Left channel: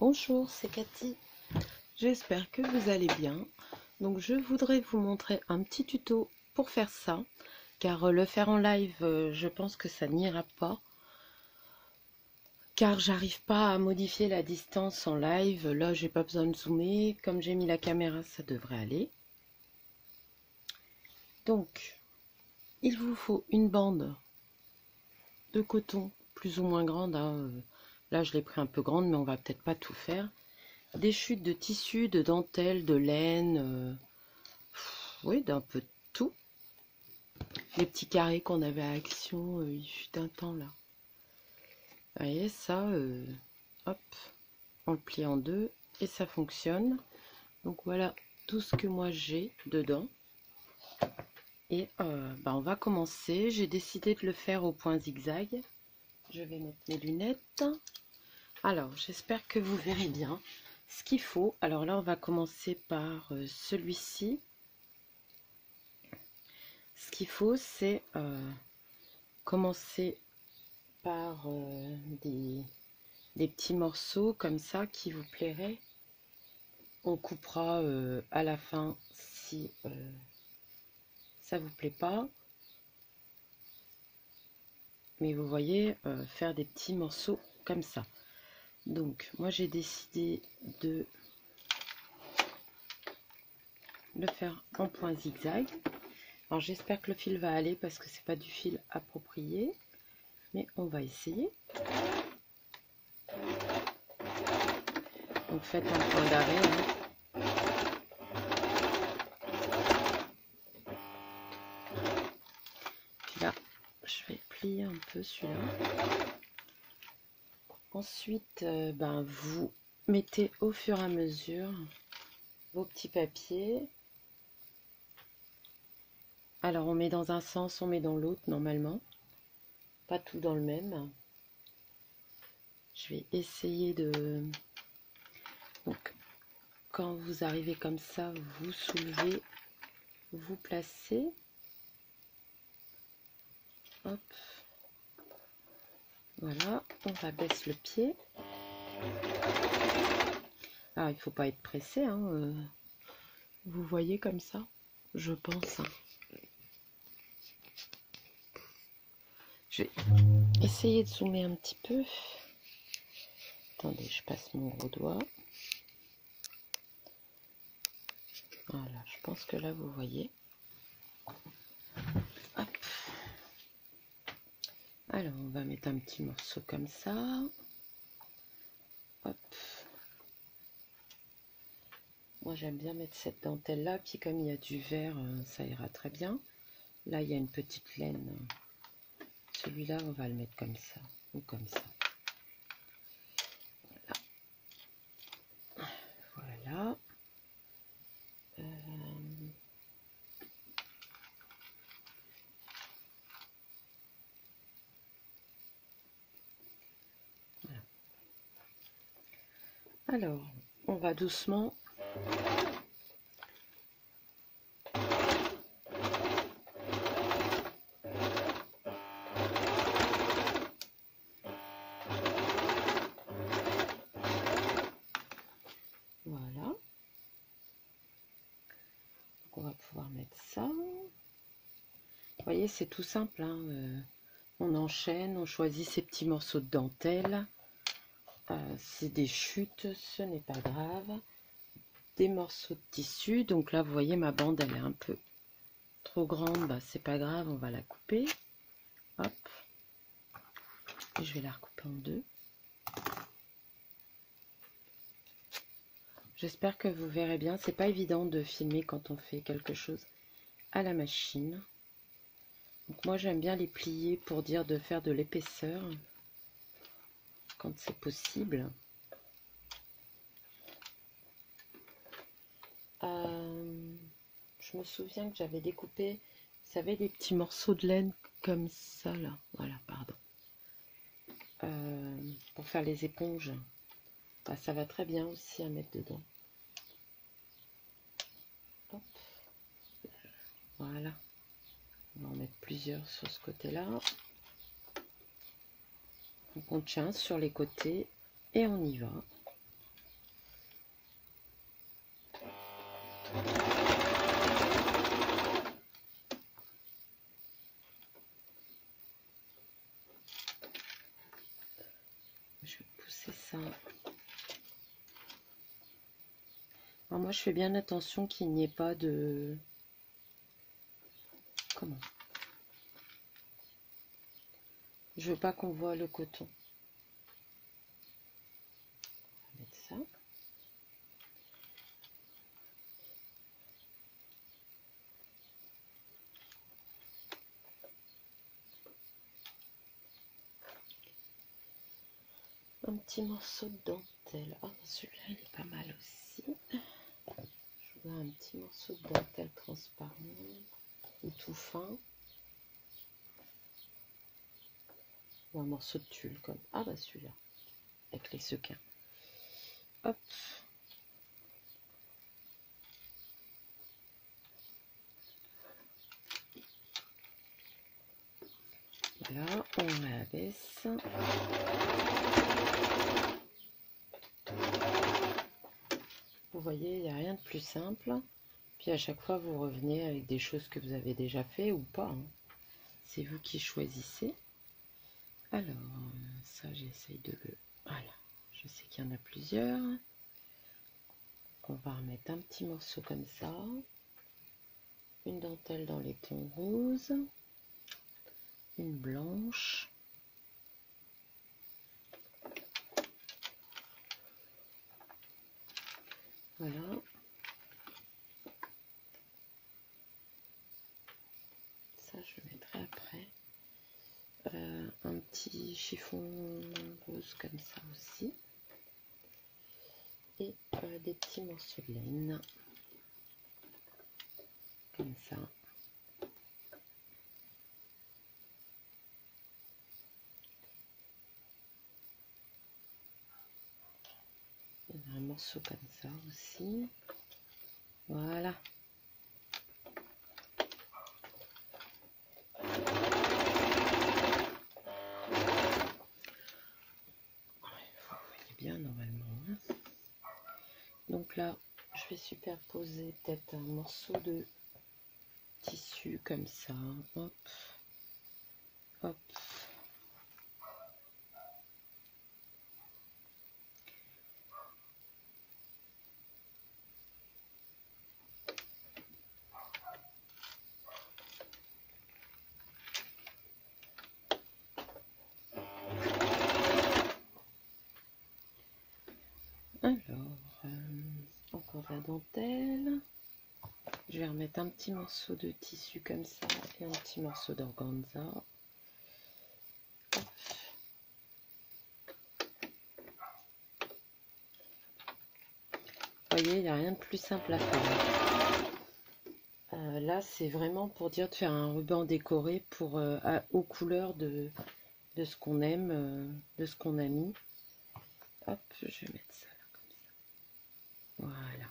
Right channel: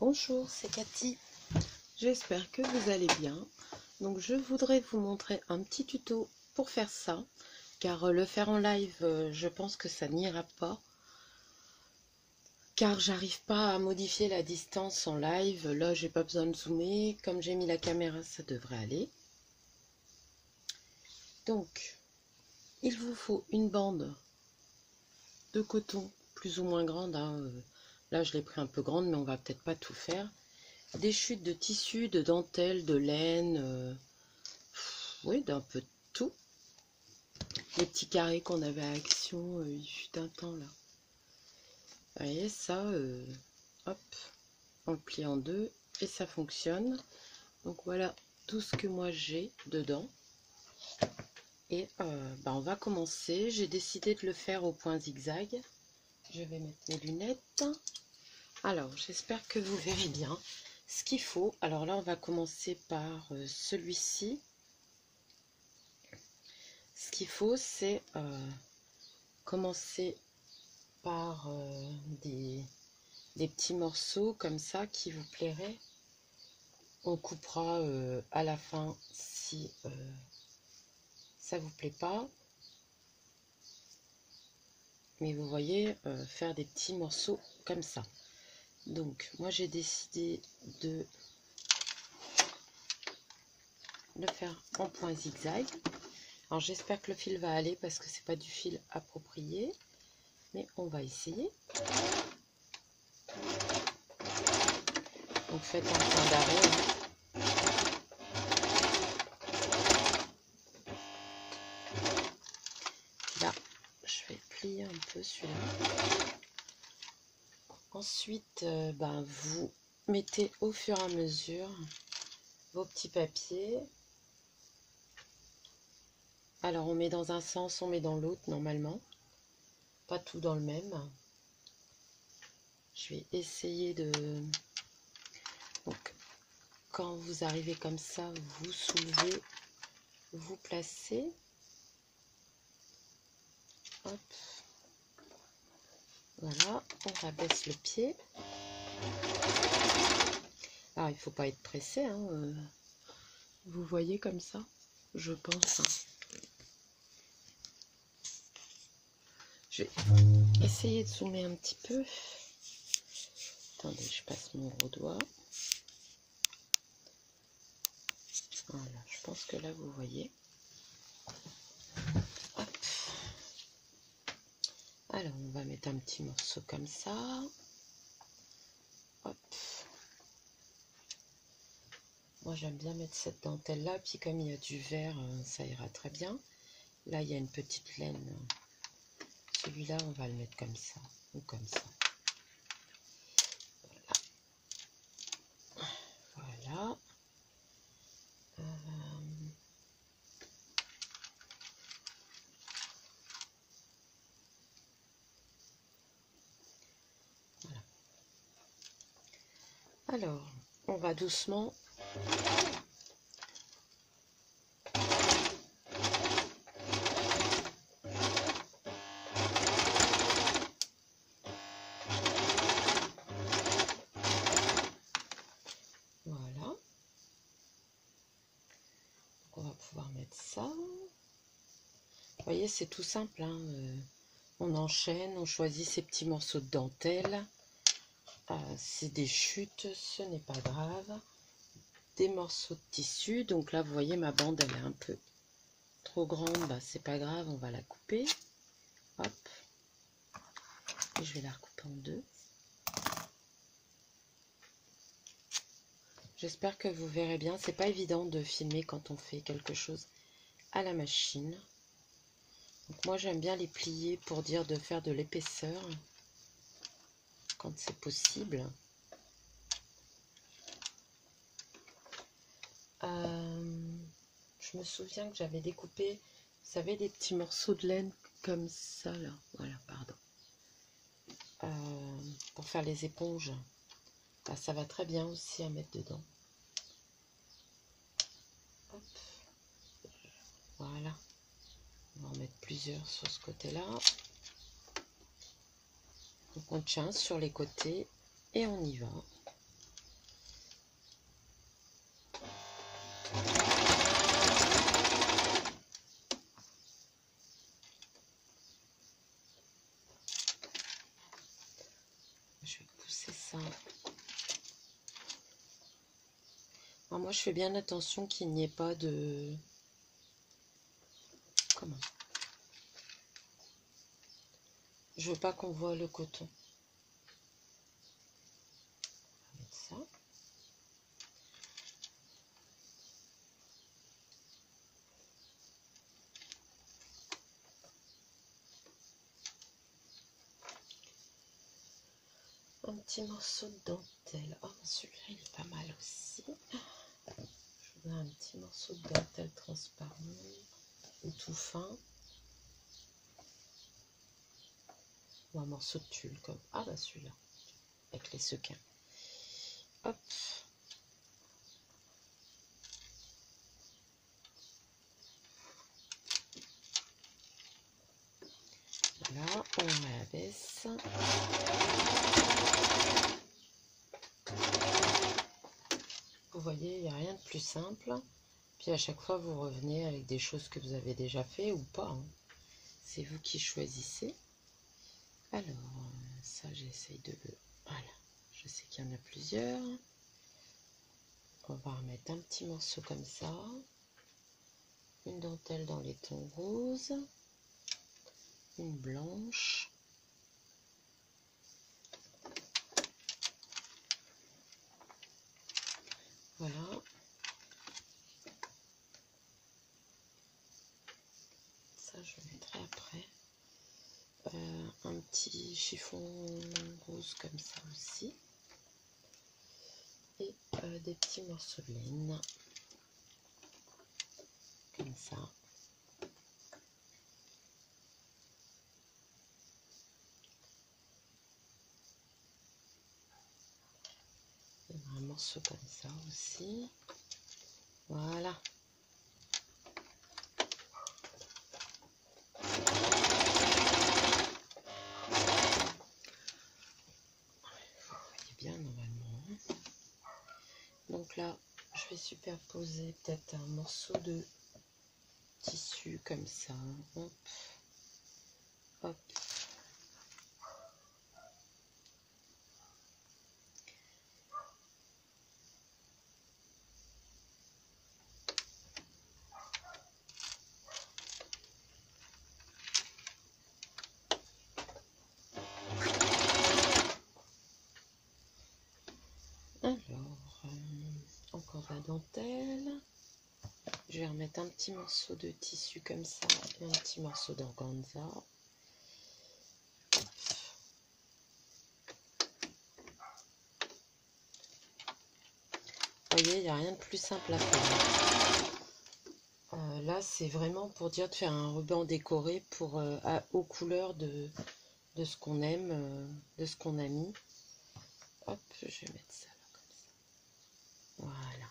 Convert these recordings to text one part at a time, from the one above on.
Bonjour, c'est Cathy. J'espère que vous allez bien. Donc je voudrais vous montrer un petit tuto pour faire ça, car le faire en live, je pense que ça n'ira pas, car j'arrive pas à modifier la distance en live. Là, j'ai pas besoin de zoomer. Comme j'ai mis la caméra, ça devrait aller. Donc, il vous faut une bande de coton plus ou moins grande, hein. Là, je l'ai pris un peu grande, mais on va peut-être pas tout faire. Des chutes de tissu, de dentelle, de laine, oui, d'un peu de tout. Les petits carrés qu'on avait à Action, il fut un temps là. Vous voyez, ça, hop, on le plie en deux et ça fonctionne. Donc voilà tout ce que moi j'ai dedans. Et on va commencer. J'ai décidé de le faire au point zigzag. Je vais mettre mes lunettes. Alors, j'espère que vous verrez bien ce qu'il faut. Alors là, on va commencer par celui-ci. Ce qu'il faut, c'est commencer par des petits morceaux comme ça qui vous plairaient. On coupera à la fin si ça vous plaît pas. Mais vous voyez, faire des petits morceaux comme ça. Donc, moi j'ai décidé de le faire en point zigzag. Alors j'espère que le fil va aller parce que c'est pas du fil approprié. Mais on va essayer. Donc faites un point d'arrêt. Hein. Là, je vais plier un peu celui-là. Ensuite, vous mettez au fur et à mesure vos petits papiers. Alors on met dans un sens, on met dans l'autre normalement. Pas tout dans le même. Je vais essayer de... Donc, quand vous arrivez comme ça, vous soulevez, vous placez. Hop. Voilà, on rabaisse le pied. Alors, il ne faut pas être pressé, hein. Vous voyez comme ça, je pense. Je vais essayer de zoomer un petit peu. Attendez, je passe mon gros doigt. Voilà, je pense que là, vous voyez. Hop. Alors, on va mettre un petit morceau comme ça. Hop. Moi, j'aime bien mettre cette dentelle-là. Puis, comme il y a du vert, ça ira très bien. Là, il y a une petite laine. Celui-là, on va le mettre comme ça. Ou comme ça. Voilà. Voilà. Alors, on va doucement voilà. Donc, on va pouvoir mettre ça. Vous voyez, c'est tout simple, hein. On enchaîne, on choisit ces petits morceaux de dentelle. C'est des chutes, ce n'est pas grave. Des morceaux de tissu. Donc là, vous voyez, ma bande, elle est un peu trop grande. C'est pas grave, on va la couper. Hop. Et je vais la recouper en deux. J'espère que vous verrez bien. C'est pas évident de filmer quand on fait quelque chose à la machine. Donc moi, j'aime bien les plier pour dire de faire de l'épaisseur quand c'est possible. Je me souviens que j'avais découpé, vous savez, des petits morceaux de laine comme ça, là. Voilà, pardon. Pour faire les éponges. Ça va très bien aussi à mettre dedans. Hop. Voilà. On va en mettre plusieurs sur ce côté-là. Donc on tient sur les côtés et on y va. ça. Alors moi je fais bien attention qu'il n'y ait pas de... Comment? Je veux pas qu'on voit le coton. On va mettre ça. Un petit morceau de dentelle. Oh, celui-là, il est pas mal aussi. Je voudrais un petit morceau de dentelle transparent ou tout fin. Ou un morceau de tulle comme... Ah bah celui-là, avec les sequins. Hop. Voilà, on abaisse. Vous voyez, il n'y a rien de plus simple. Puis à chaque fois, vous revenez avec des choses que vous avez déjà fait ou pas. Hein. C'est vous qui choisissez. Alors, ça, j'essaye de le... Voilà, je sais qu'il y en a plusieurs. On va remettre un petit morceau comme ça. Une dentelle dans les tons roses. Une blanche. Voilà. Ça, je le mettrai après. Un petit chiffon rose comme ça aussi. Et des petits morceaux de laine. Comme ça. Un morceau comme ça aussi. Voilà. Vous voyez bien normalement. Donc là, je vais superposer peut-être un morceau de tissu comme ça. Hop. Hop. Alors, encore de la dentelle. Je vais remettre un petit morceau de tissu comme ça et un petit morceau d'organza. Vous voyez, il n'y a rien de plus simple à faire. Là, c'est vraiment pour dire de faire un ruban décoré pour, aux couleurs de ce qu'on aime, de ce qu'on a mis. Hop, je vais mettre ça là comme ça. Voilà.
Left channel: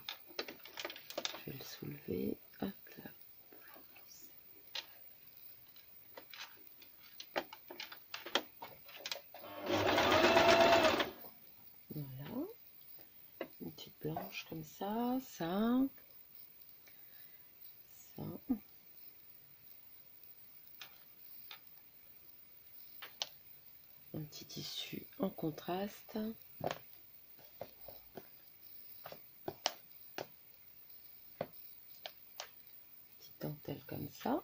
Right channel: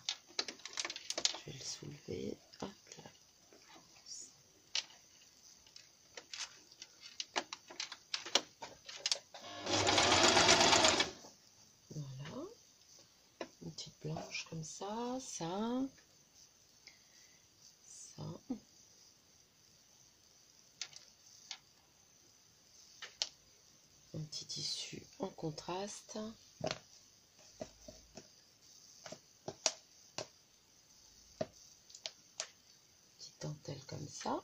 Je vais le soulever. Hop là. Voilà. Une petite blanche comme ça. Ça. Ça. Un petit tissu en contraste. Petite dentelle comme ça.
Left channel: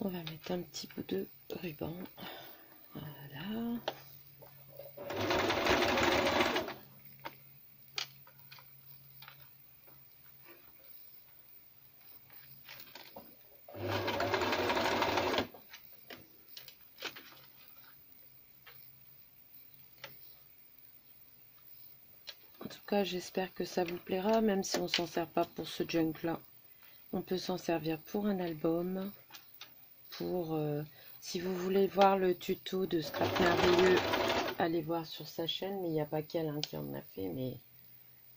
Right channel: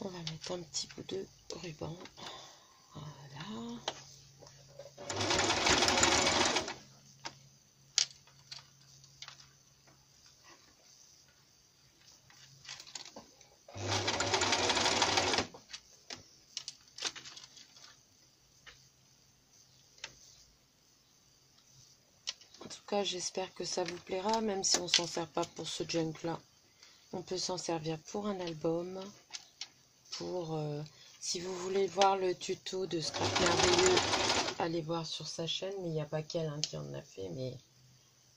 On va mettre un petit bout de ruban. Voilà. En tout cas, j'espère que ça vous plaira, même si on s'en sert pas pour ce junk là. On peut s'en servir pour un album, pour si vous voulez voir le tuto de Scrap Merveilleux, allez voir sur sa chaîne, mais il n'y a pas qu'elle hein, qui en a fait, mais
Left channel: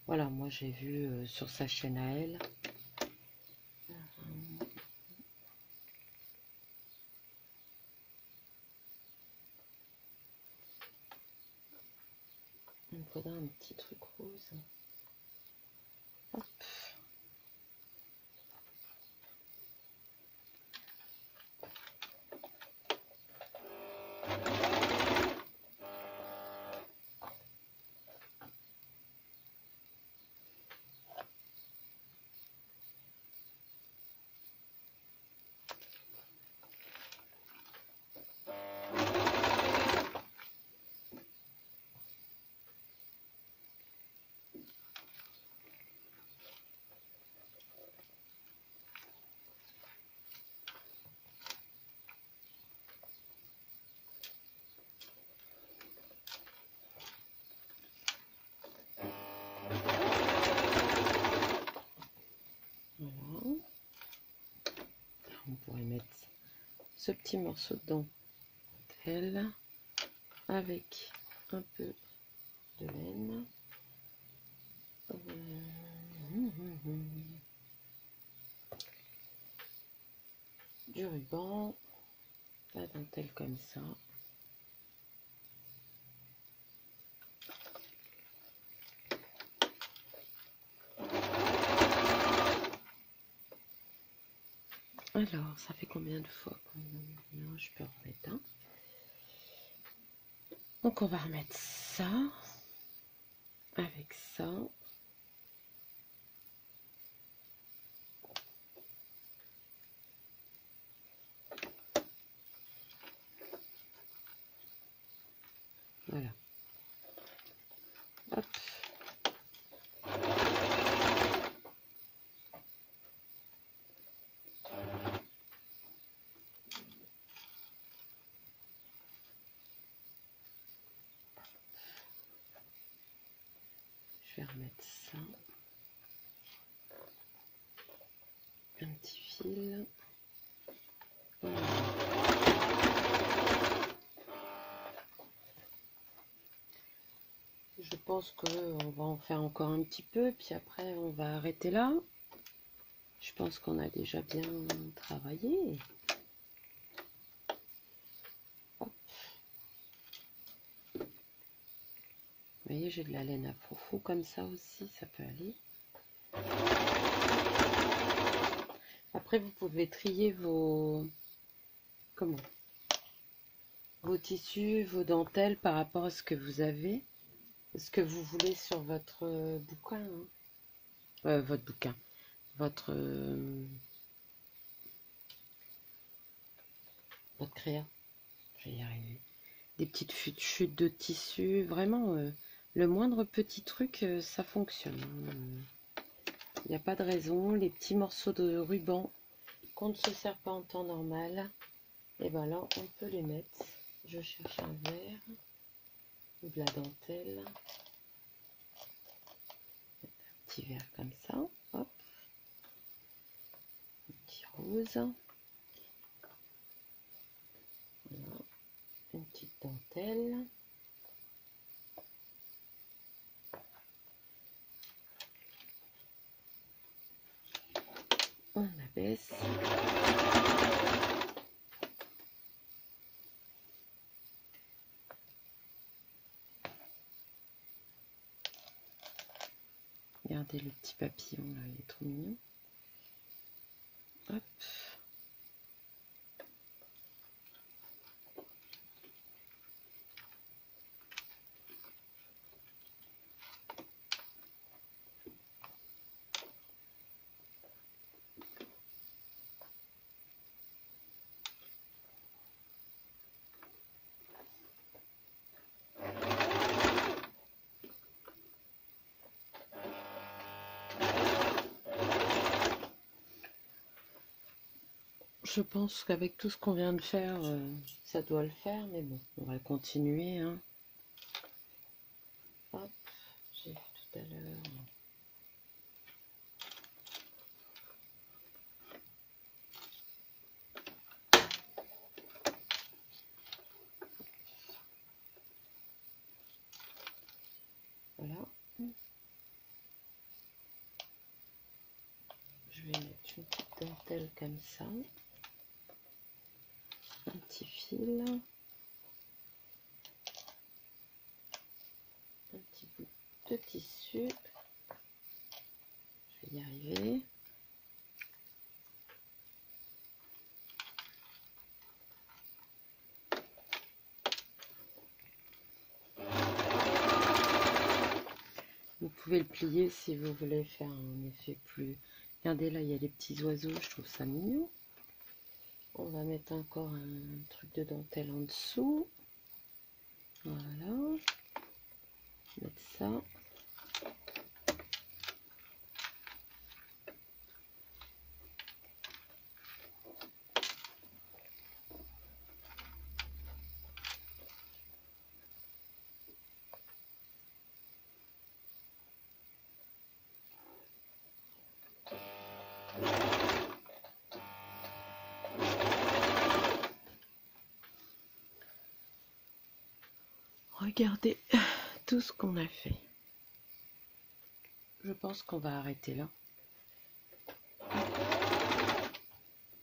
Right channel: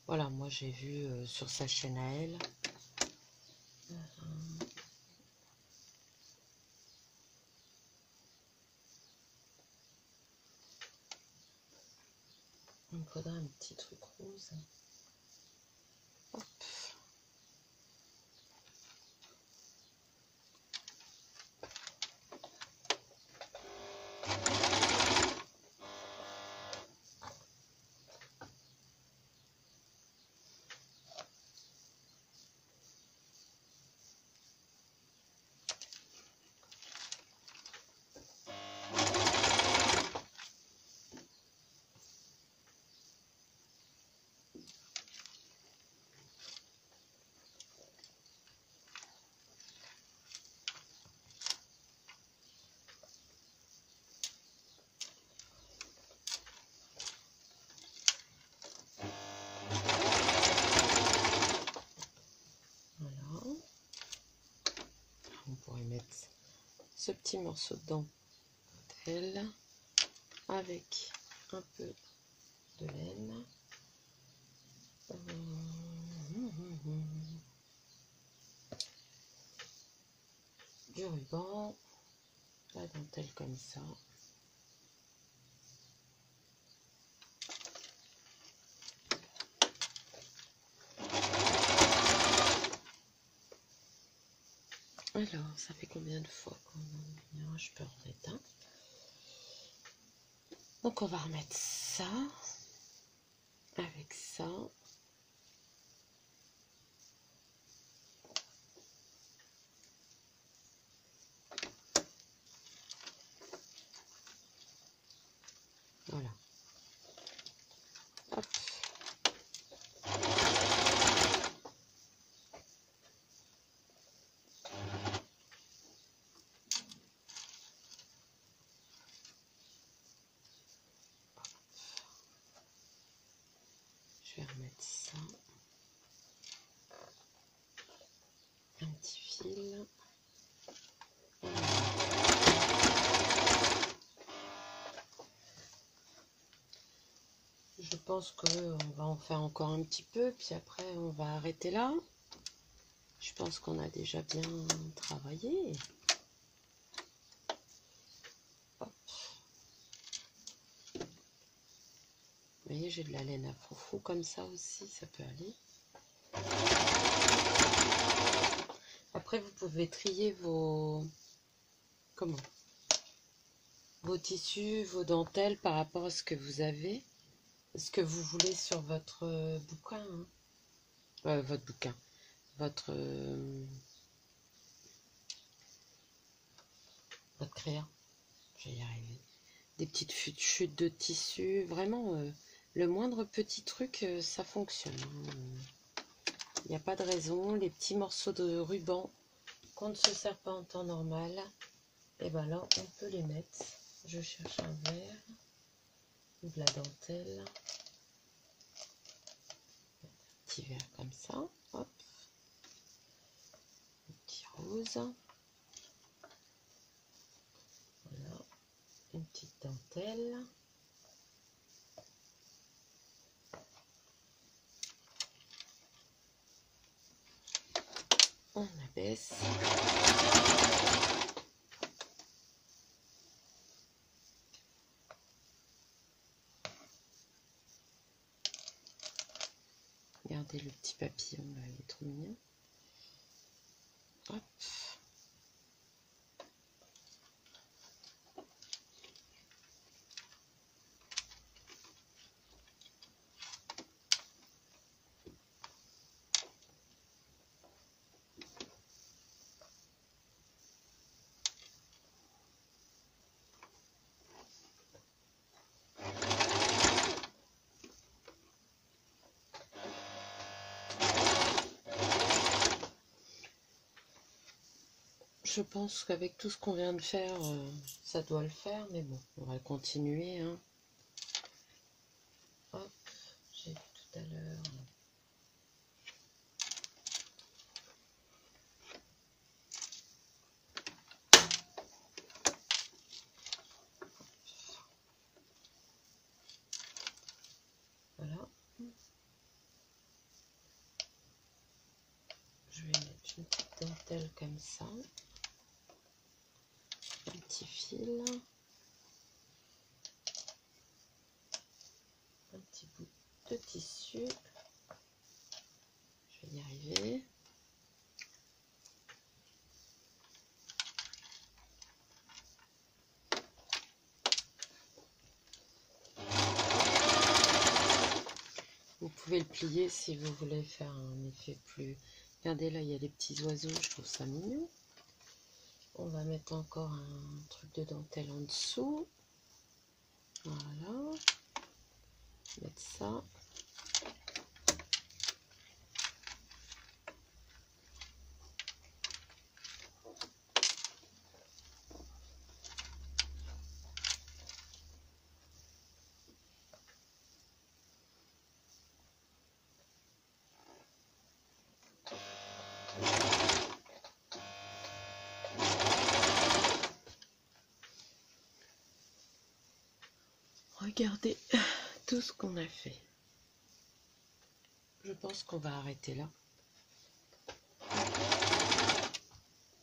voilà, moi j'ai vu sur sa chaîne à elle. Un faudrait un petit truc rose. Hop. On pourrait mettre ce petit morceau de dentelle avec un peu de laine. Du ruban, la dentelle comme ça. Alors, ça fait combien de fois qu'on je peux remettre un. Donc, on va remettre ça avec ça. Voilà. Hop. Je vais remettre ça. Un petit fil. Voilà. Je pense qu'on va en faire encore un petit peu, puis après on va arrêter là. Je pense qu'on a déjà bien travaillé. Hop. Vous voyez, j'ai de la laine à fourfou comme ça aussi, ça peut aller. Après, vous pouvez trier vos tissus, vos dentelles par rapport à ce que vous avez, ce que vous voulez sur votre bouquin, hein. Votre bouquin, votre créa. Je vais y arriver. Des petites chutes de tissu, vraiment, le moindre petit truc, ça fonctionne. Il n'y a pas de raison. Les petits morceaux de ruban qu'on ne se sert pas en temps normal, et ben là, on peut les mettre. Je cherche un verre ou de la dentelle. Un petit verre comme ça. Hop. Un petit rose. Voilà. Une petite dentelle. On abaisse. Regardez le petit papillon là, il est trop mignon. Hop. Je pense qu'avec tout ce qu'on vient de faire, ça doit le faire, mais bon, on va continuer, hein. Hop, j'ai vu tout à l'heure. Voilà. Je vais mettre une petite dentelle comme ça. Un petit fil. Un petit bout de tissu. Je vais y arriver. Vous pouvez le plier si vous voulez faire un effet plus... Regardez, là, il y a des petits oiseaux, je trouve ça mignon. On va mettre encore un truc de dentelle en dessous. Voilà. Mettre ça. Regardez tout ce qu'on a fait. Je pense qu'on va arrêter là.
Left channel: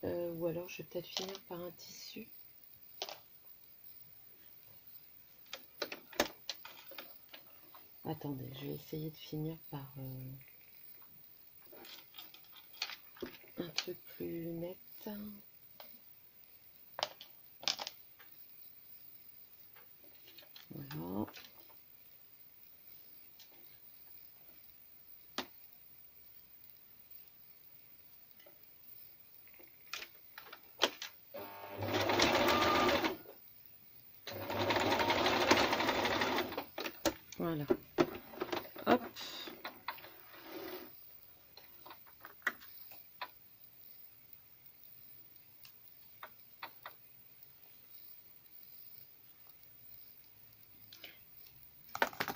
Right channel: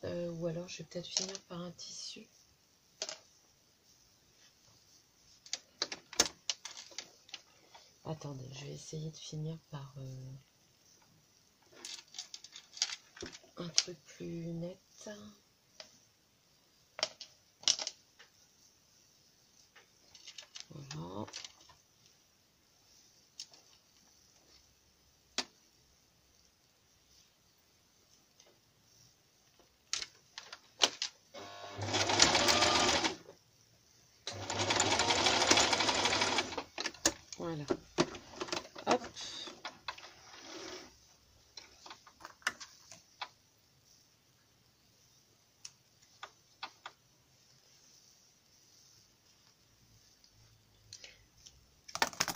Ou alors je vais peut-être finir par un tissu. Attendez, je vais essayer de finir par un truc plus net. Voilà. Voilà. Hop.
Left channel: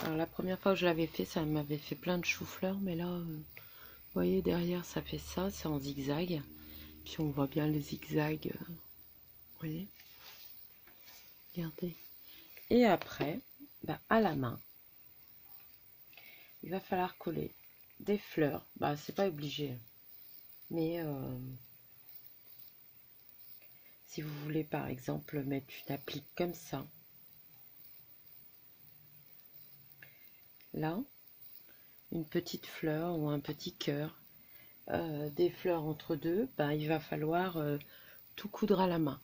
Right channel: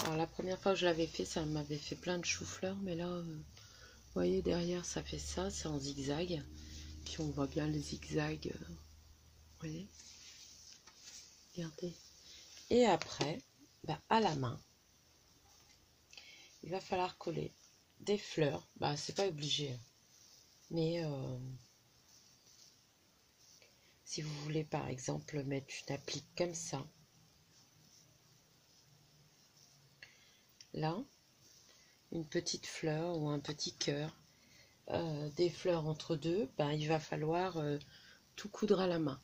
Alors la première fois que je l'avais fait, ça m'avait fait plein de choux-fleurs, mais là, vous voyez derrière, ça fait ça, c'est en zigzag. Puis on voit bien le zigzag. Vous voyez? Regardez. Et après, bah, à la main, il va falloir coller des fleurs. Bah, c'est pas obligé, mais si vous voulez par exemple mettre une applique comme ça, là, une petite fleur ou un petit cœur, des fleurs entre deux, ben, il va falloir tout coudre à la main.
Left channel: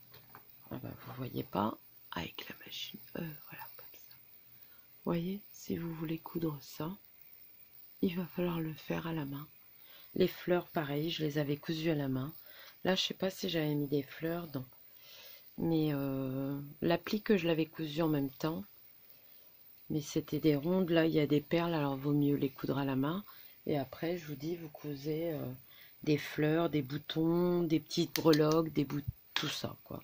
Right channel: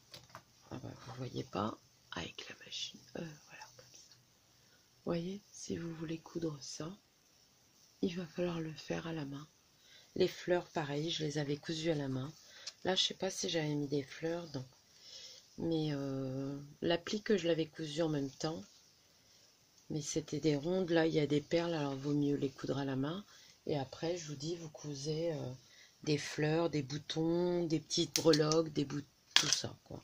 Ah ben, vous voyez pas avec la machine, voilà, comme ça. Vous voyez, si vous voulez coudre ça, il va falloir le faire à la main. Les fleurs, pareil, je les avais cousues à la main. Là, je sais pas si j'avais mis des fleurs, non. Mais l'applique que je l'avais cousue en même temps, mais c'était des rondes, là il y a des perles, alors vaut mieux les coudre à la main. Et après, je vous dis, vous cousez des fleurs, des boutons, des petites breloques, des boutons, tout ça, quoi.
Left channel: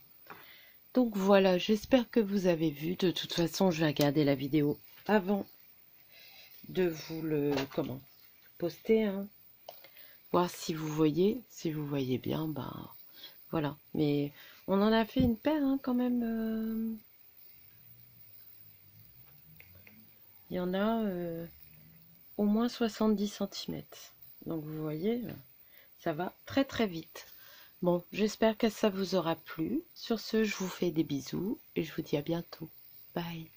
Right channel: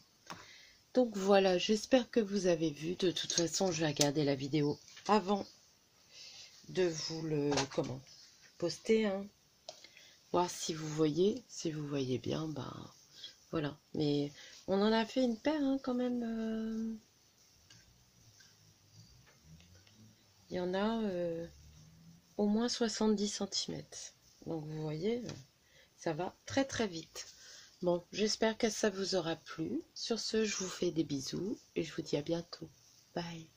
Donc voilà, j'espère que vous avez vu. De toute façon, je vais regarder la vidéo avant de vous le poster, hein. Voir si vous voyez bien, ben voilà. Mais on en a fait une paire, hein, quand même. Il y en a au moins 70 cm. Donc vous voyez, ça va très très vite. Bon, j'espère que ça vous aura plu. Sur ce, je vous fais des bisous et je vous dis à bientôt. Bye.